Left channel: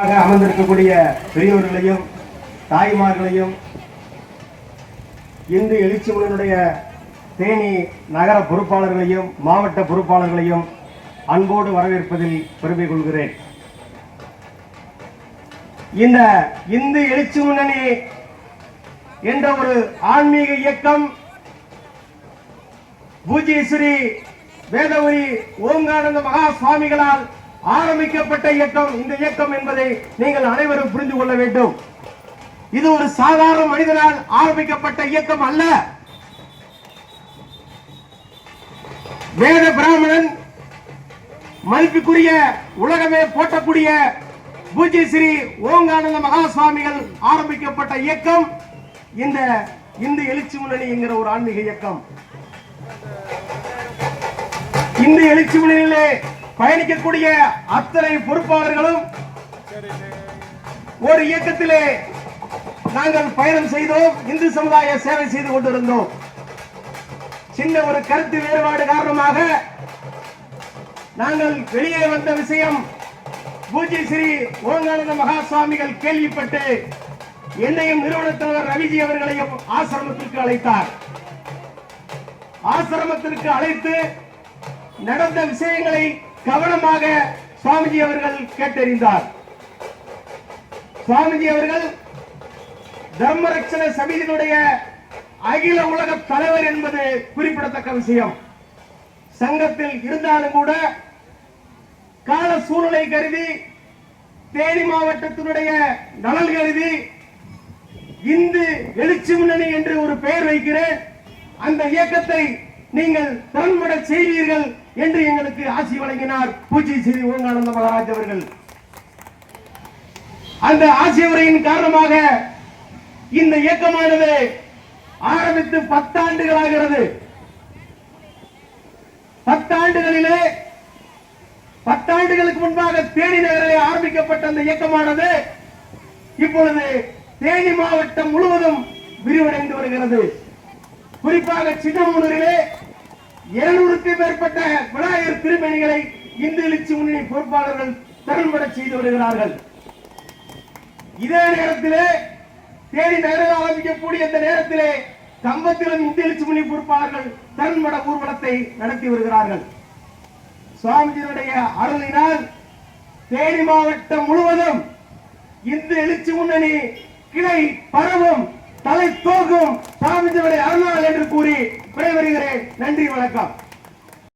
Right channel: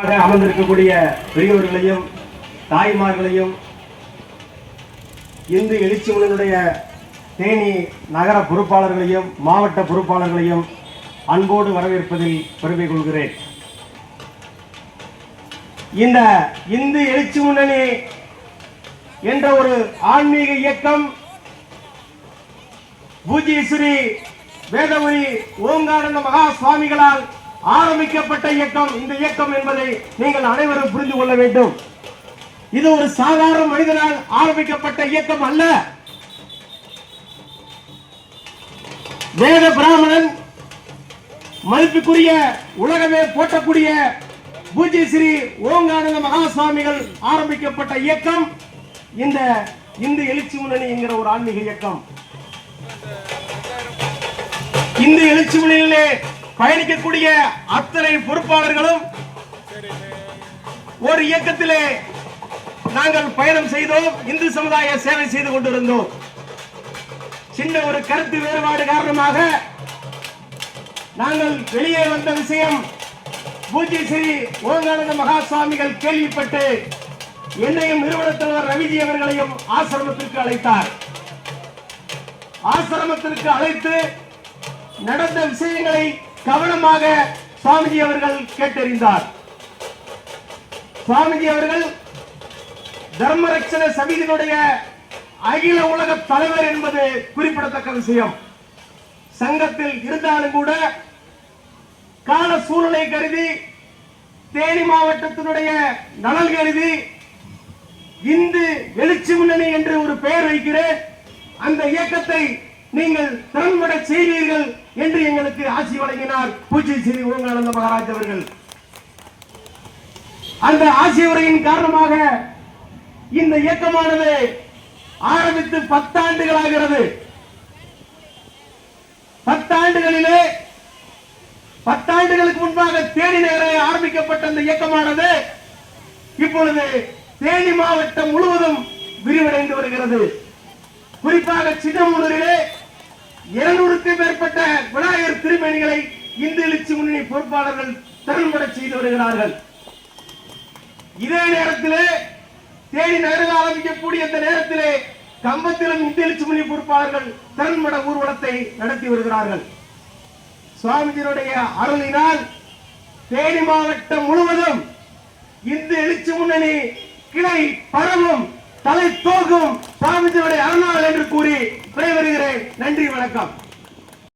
அமர்ந்திருக்கக்கூடிய பெரியவர்களையும் தாய்மார்களையும் இந்து எழுச்சி உணனுடைய தேனி நகர பொறுப்பாளர்களையும் மாவட்ட பொறுப்பாளர்களையும் அன்போடு வரவேற்பதில் பெருமை கொள்கிறேன். இந்த இந்து எழுச்சி முன்னணி என்ற ஒரு ஆன்மீக இயக்கம் பூஜ்ய ஸ்ரீ வேதவரி ஓங்கானந்த மகா சுவாமிகளால் ஆரம்பிக்கப்பட்ட இயக்கம். இந்த இயக்கம் என்பதை நீங்கள் அனைவரும் புரிந்து கொள்ள வேண்டும். இது ஒரு சாதாரண மனிதனால் ஆரம்பிக்கப்பட்ட இயக்கம் அல்ல. வேத பிராமணன் மதிப்புக்குரிய உலகமே போற்றக்கூடிய பூஜ்ய ஸ்ரீ ஓங்கானந்த மகா சுவாமிகள் ஆரம்பிக்கப்பட்ட இயக்கம் இந்த இந்து எழுச்சி முன்னணி என்கிற ஒரு ஆன்மீக இயக்கம். இந்து எழுச்சி முன்னணியிலே பயணிக்கக்கூடிய அத்தனை பொறுப்பாளர்களும் ஒரு இயக்கத்திலே நாங்கள் பயணம் செய்தோம். இந்து சமுதாய சேவை செய்து கொண்டிருந்தோம். சின்ன ஒரு கருத்து வேறுபாடு காரணமாக நாங்கள் வெளியே வந்த விஷயம் பூஜ்ய ஸ்ரீ ஓங்கானந்த மகா சுவாமிகள் கேள்விப்பட்டு என்னையும் நிறுவன தலைவர் ரவிஜி அவர்களையும் ஆசிரமத்திற்கு அழைத்தார். ஆசிரமத்திற்கு அழைத்து நடந்த விஷயங்களை கவனமாக சுவாமிஜி அவர்கள் கேட்டறிந்தார். சுவாமிஜி அவர்கள் தர்மரட்சண சமிதியினுடைய அகில உலக தலைவர் என்பது குறிப்பிடத்தக்க விஷயம். சங்கத்தில் இருந்தாலும் கூட கால சூழலை கருதி தேனி மாவட்டத்தினுடைய நலன் கருதி இந்து எழுச்சி முன்னணி என்று ஒரு பெயர் வைக்கிறேன். அந்த இயக்கத்தை நீங்கள் திறன்பட செய்வீர்கள் என்று எங்களுக்கு ஆசி வழங்கினார் பூஜ்ய ஸ்ரீ ஓங்கானந்த மகாராஜ் அவர்கள். அந்த ஆசி உரையின் காரணமாக இந்த இயக்கமானது ஆரம்பித்து 10 ஆண்டுகளாகிறது. 10 ஆண்டுகளிலே 10 ஆண்டுகளுக்கு முன்பாக தேனி நகரிலே ஆரம்பிக்கப்பட்ட அந்த இயக்கமானது இப்பொழுது தேனி மாவட்டம் முழுவதும் விரிவடைந்து வருகிறது. குறிப்பாக சின்னமூரிலே 200க்கும் மேற்பட்ட விநாயகர் திருமணிகளை இந்து எழுச்சி முன்னணி பொறுப்பாளர்கள் திறன்பட செய்து வருகிறார்கள். இதே நேரத்திலே தேனி நகரில் ஆரம்பிக்கக்கூடிய இந்த நேரத்திலே கம்பத்திலும் இந்து எழுச்சி முன்னணி பொறுப்பாளர்கள் திறன்பட ஊர்வலத்தை நடத்தி வருகிறார்கள். சுவாமிஜியுடைய அருளினால் தேனி மாவட்டம் முழுவதும் இந்து எழுச்சி முன்னணி கிளை பரவும், தலை தோகும் சுவாமிஜியுடைய அருளால் என்று கூறி விடைபெறுகிறேன். நன்றி, வணக்கம்.